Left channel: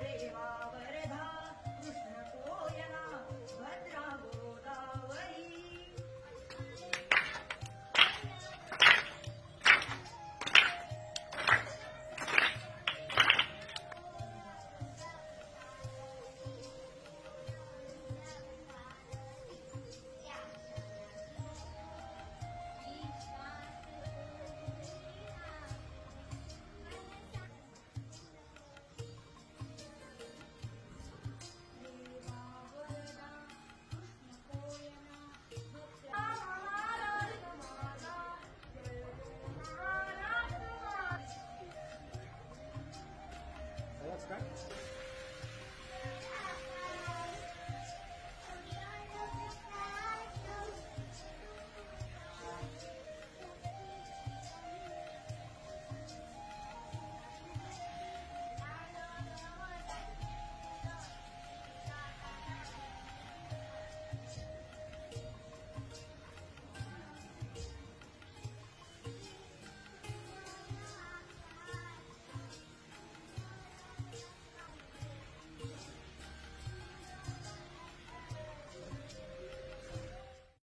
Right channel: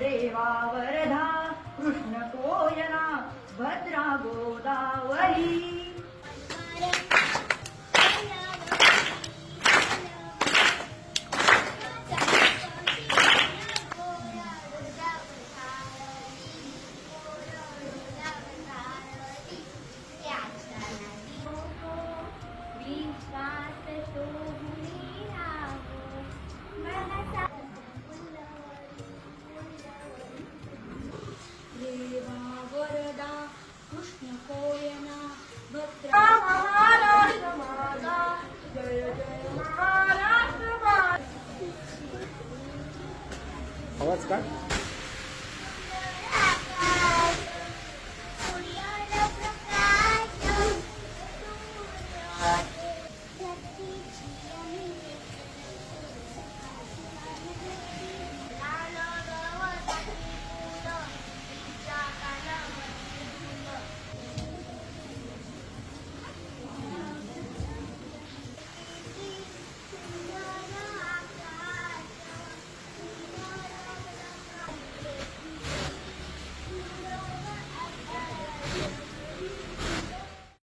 देवावरधा आवाज का?